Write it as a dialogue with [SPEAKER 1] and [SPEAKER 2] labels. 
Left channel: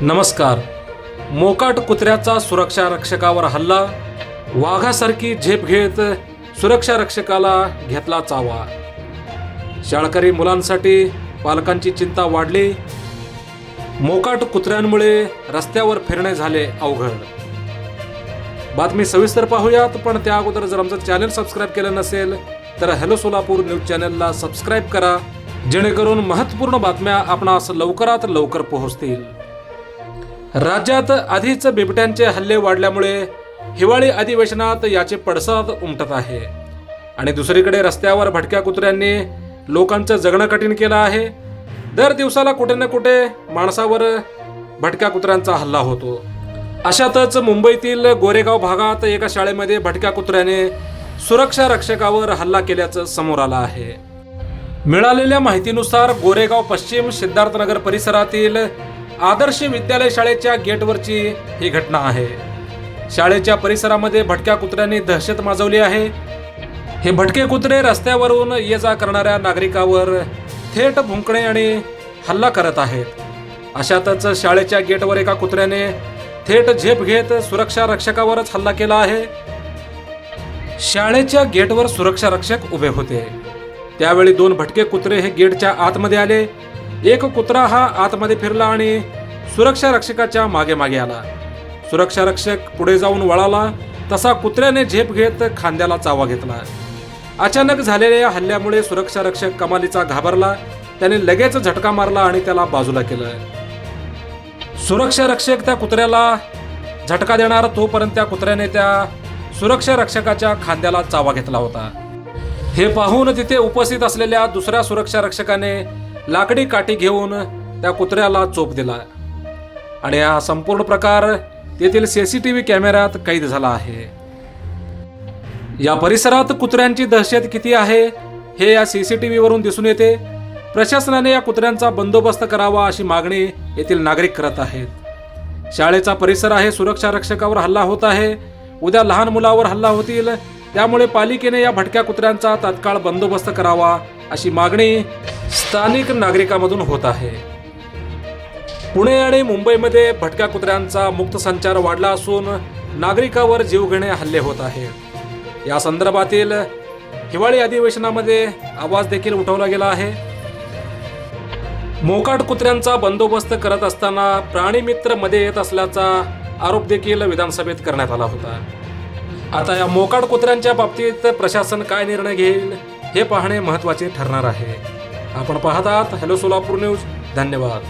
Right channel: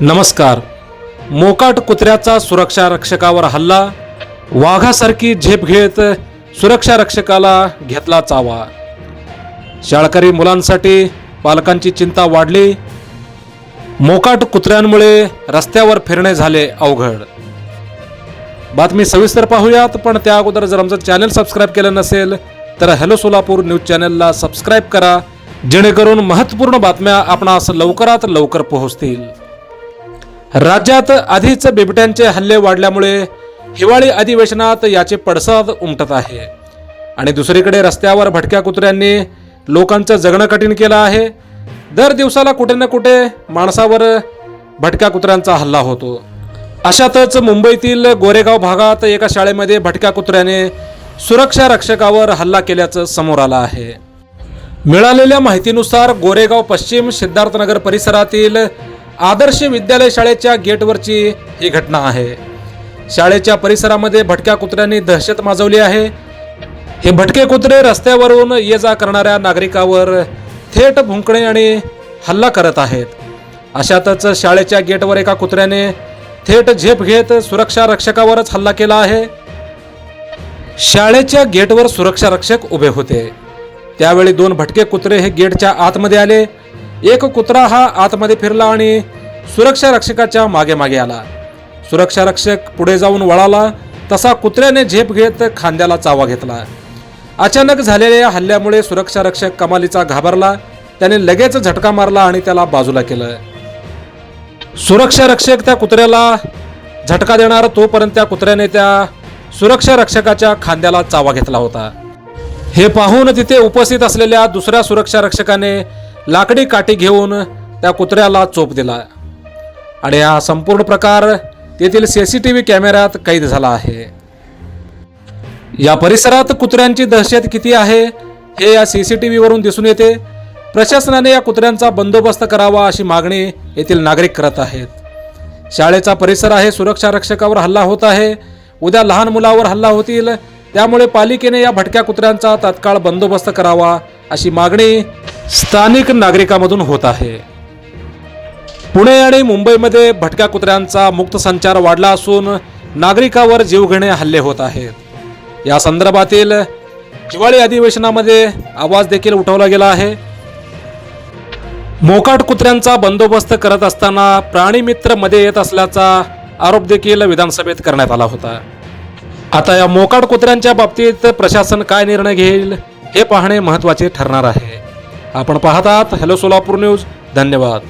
[SPEAKER 1] नमस्कार. मोकाट कुत्र्याचा सुरक्षा रक्षकावर हल्ला वाघासारखी झेप घेत सुरक्षा रक्षकाला घेतला चावा. शाळकरी मुलांसाठी पालकांची चिंता वाढली. मोकाट कुत्र्यांमुळे रस्त्यावर फिरणे झाले अवघड. बातमी सविस्तर पाहूयात पण त्या अगोदर जर आमचं चॅनल सबस्क्राईब केलं नसेल तर हॅलो सोलापूर न्यूज चॅनलला सबस्क्राईब करा जेणेकरून महत्त्वपूर्ण बातम्या आपणास लवकरात लवकर पोहोचतील. राज्यात आधीच बिबट्यांचे हल्ले वाढल्यामुळे हिवाळी अधिवेशनात याचे पडसाद उमटत आहे. आणि दुसरीकडे रस्त्यावर भटक्या कुत्र्यांनी लोकांचं जगणं कठीण केलं आहे. दर दिवसाला कुठे ना कुठे माणसावर भटक्या कुत्र्यांचा हल्ला होतो. अशातच मुंबईतील गोरेगाव भागात एका शाळेमध्ये भटक्या कुत्र्याने सुरक्षा रक्षकावर हल्ला केल्याचं समोर आलं आहे. मिळालेल्या माहितीनुसार गोरेगाव पश्चिम सिद्धार्थनगर परिसरातील आदर्श विद्यालय शाळेच्या गेटवरची ही घटना आहे. शाळेच्या परिसरामध्ये भटक्या कुत्र्यांनी दहशत माजवली आहे. हे भटके कुत्रे रस्त्यावरून ये जा करणाऱ्या नागरिकावर थेट भुंकणे आणि हल्ला करत आहेत. अशातच शाळेच्या गेटवर एका कुत्र्याने थेट झेप घेत सुरक्षा रक्षकावरच हल्ला केला आहे. शाळेच्या गेटवर सुरक्षा रक्षक उभे होते. त्यावेळी दोन भटके कुत्रे हे गेटच्या आतमध्ये आले. एक कुत्रा हा आतमध्ये फिरला आणि सुरक्षा रक्षकाच्या मागे मागे आला. सुरक्षा रक्षक पुढे जाऊन वळाला. तसा कुत्र्याने झेप घेत खांद्याला चावा घेतला. अचानक झालेल्या हल्ल्यामुळे सुरक्षा रक्षक कमालीचा घाबरला. त्याने लगेच झटका मारला आणि त्याला बाजूला केलं. सुरक्षा रक्षक त्या कुत्र्याला झटका देणार तोपर्यंत त्या कुत्र्याने त्या सुरक्षा रक्षकाच्या खांद्याला चावा घेतला होता. हे पाहून तिथे उपस्थित असलेल्या दुसऱ्या सुरक्षा रक्षकाने लाकडी काठी घेऊन त्या कुत्र्याला चोप दिला. आणि हा संपूर्ण प्रकार तेथील व्ही कॅमेऱ्यात कैद झाला आहे. या परिसरात कुत्र्यांची दहशत किती आहे हे या सी सी टी व्हीवरून दिसून येते. प्रशासनाने या कुत्र्यांचा बंदोबस्त करावा अशी मागणी येथील नागरिक करत आहेत. शाळेचा परिसर आहे सुरक्षा रक्षकावर हल्ला होत आहे. उद्या लहान मुलावर हल्ला होतील. त्यामुळे पालिकेने या भटक्या कुत्र्यांचा तात्काळ बंदोबस्त करावा अशी मागणी स्थानिक नागरिकांमधून होत आहे. पुणे आणि मुंबईमध्ये भटक्या कुत्र्यांचा मुक्त संचार वाढला असून नागरिकावर जीवघेणे हल्ले होत आहेत या संदर्भातील हिवाळी अधिवेशनामध्ये आवाज देखील उठवला गेला आहे. मोकाट कुत्र्यांचा बंदोबस्त करत असताना प्राणीमित्रमध्ये येत असल्याचा आरोप देखील विधानसभेत करण्यात आला होता. आता या मोकाट कुत्र्यांच्या बाबतीत प्रशासन काय निर्णय घेईल हे पाहणे महत्त्वाचे ठरणार आहे. आपण पाहतात. Hello Solapur news. धन्यवाद.